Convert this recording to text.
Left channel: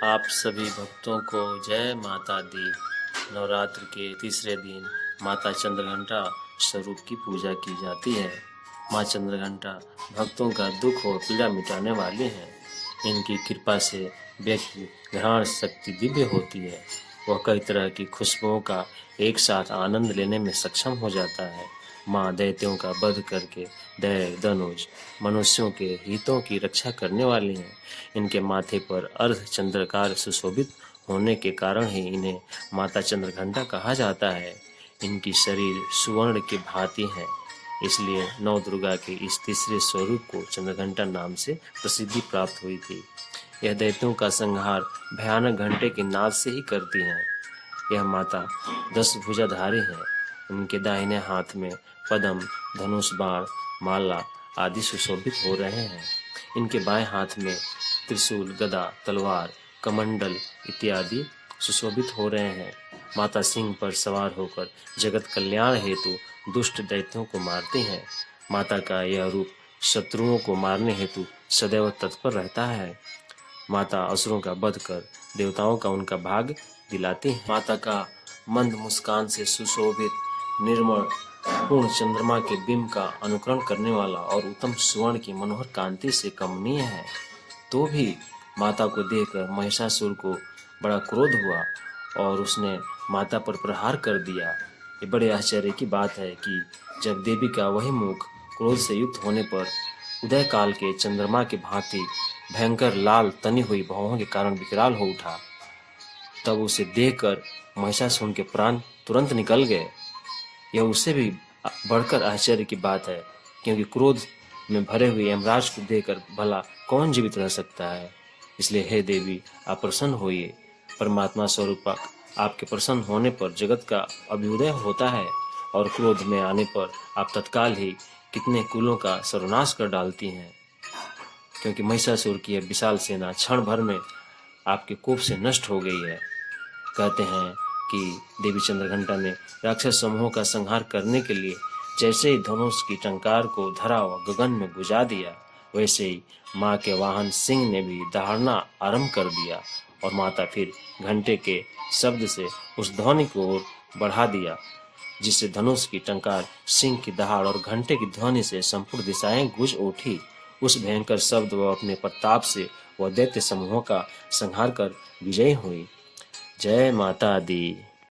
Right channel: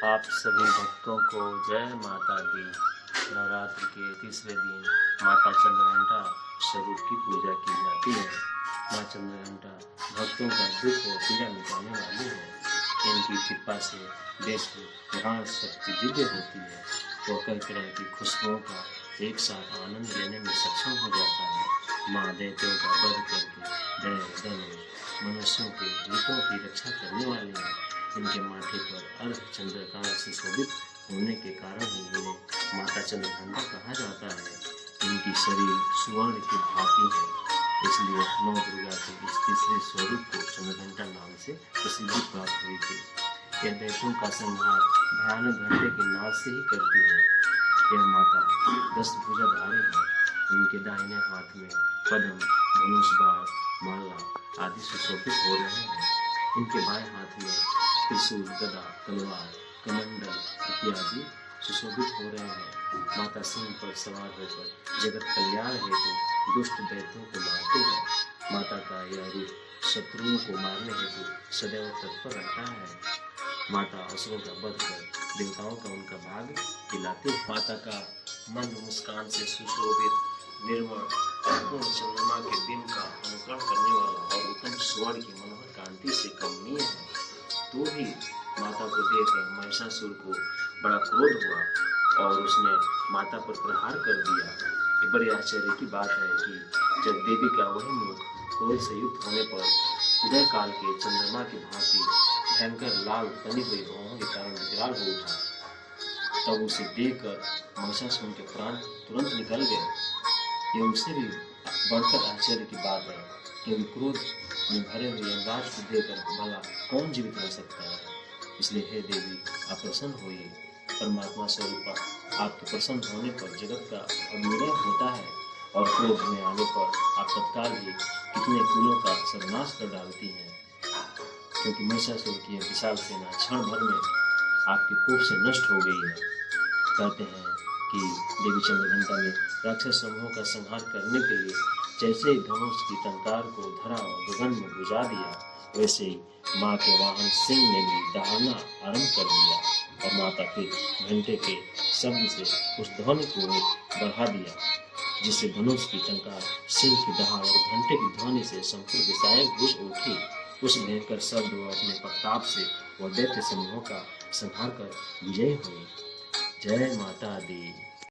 आप सभी भक्तों को जय माता दी। नवरात्र के तीसरे दिन माता चंद्रघंटा स्वरूप की पूजा की जाती है। माँ चंद्रघंटा भक्तों का दुख और पीड़ा मिटाने वाली हैं। इनकी कृपा से व्यक्ति ग्रहण शक्ति दिव्य होती है। वह कई तरह की खुशबुओं का एक साथ आनंद लेने में सक्षम हो जाता है। माँ दैत्यों का वध करके दैव धनुष मनुष्यों के हितों की रक्षा करने वाली हैं। इनके माथे पर अर्ध चंद्रकार सुशोभित होने के कारण ही इन्हें माता चंद्रघंटा कहा जाता है। इनकी शरीर सुवर्ण की भांति है, इसलिए नौ दुर्गा के इस तीसरे स्वरूप को चंद्रघंटा नाम से प्रसिद्धि प्राप्त हुई थी। यह दैत्यों का संहार भयानक घंटे के नाद से ही करती हैं। यह माता 10 भुजाधारी हैं। उनके दाहिने हाथ में पद्म, धनुष, बाण, माला आदि सुशोभित हो रहे हैं। इनके बाएं हाथ में त्रिशूल, गदा, तलवार, कमंडल इत्यादि सुशोभित हो रहे हैं। माता सिंह पर सवार होकर जगत कल्याण हेतु दुष्ट दैत्यों को मारती हैं। माता का यह रूप शत्रुओं को मारने हेतु सदैव तत्पर रहता है। माता असुरों का वध कर देवताओं का उनका भाग दिलाती है। माता का मंद मुस्कान से सुशोभित निर्मल पूर्ण चंद्रमा के बिंब का अनुकरण करने वाला और उत्तम सुवर्ण की मनोहर कांति से कमनीय है। तो भी माता को देखकर महिषासुर को बड़ा क्रोध हुआ और उसने माता पर प्रहार कर दिया। ये बड़े आश्चर्य की बात है कि जब देवी का वही मुख क्रोध से युक्त होने पर उदय काल के चंद्रमा की भांति भयंकर लाल तनी हुई भौहों के कारण विकराल हो उठा, तब उसे देखकर महिषासुर के प्राण तुरंत निकल गए। यह उससे भी बढ़कर आश्चर्य की बात है, क्योंकि क्रोध में भरे हुए यमराज को देखकर भला कौन जीवित रह सकता है। इसलिए हे देवी, आप प्रसन्न होइए। परमात्मा स्वरूप आपके प्रसन्न होने पर जगत का अभ्युदय होता है और क्रोध में आने पर आप तत्काल ही कितने कुलों का सर्वनाश कर डालती हैं, क्योंकि महिषासुर की यह विशाल सेना क्षण भर में आपके कोप से नष्ट हो गई है। कहते हैं कि देवी चंद्रघंटा ने राक्षस समूहों का संहार करने के लिए जैसे ही धनुष की टंकार को धरा व गगन में बुझा दिया, वैसे ही माँ के वाहन सिंह ने भी दहाड़ना आरंभ कर दिया और माता फिर घंटे के शब्द से उस ध्वनि को बढ़ा दिया, जिससे धनुष की टंकार, सिंह की दहाड़ और घंटे की ध्वनि से संपूर्ण दिशाएं गूंज उठी। उस भयंकर शब्द व अपने प्रताप से वह दैत्य समूहों का संहार कर विजयी हुई। जय माता दी।